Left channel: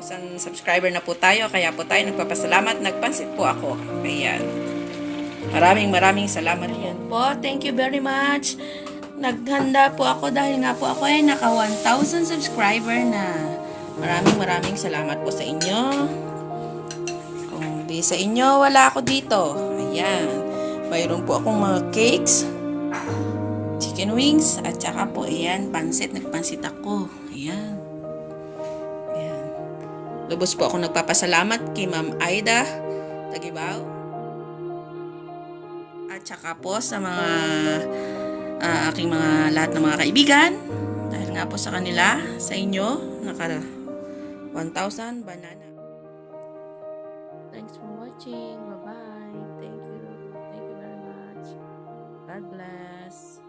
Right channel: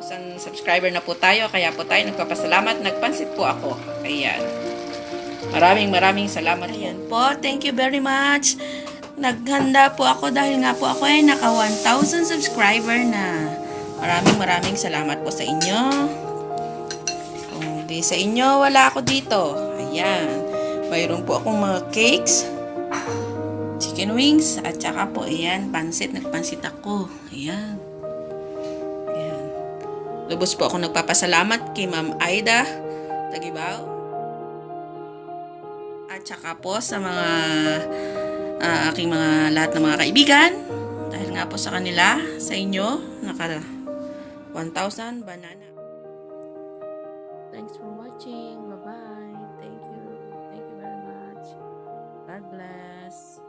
1,000 subscriber na po tayo. Kaya po tayo nagpapasalamat. Nagpansit po ako. Ayan. Maraming salamat po. Thank you very much. Naghanda po ako dahil nga po ako ay naka 1,000 subscriber na. Maraming salamat po sa inyo. Kung di sa inyo, wala ako dito. Ayan. Mayroon po akong mga cakes, chicken wings, at saka po, ayan, pansit. Nagpansit ako. Ayan. Ayan. Lubos po ako nagpapasalamat kay Ma'am Aida Tagibaw. At saka po sa mga aking mga lahat ng mga kaibigan. Dahil nga po sa kanila, sa inyo, naka 1,000 banana. Thanks for watching. Bye-bye. Thank you. Thank you very much. God bless.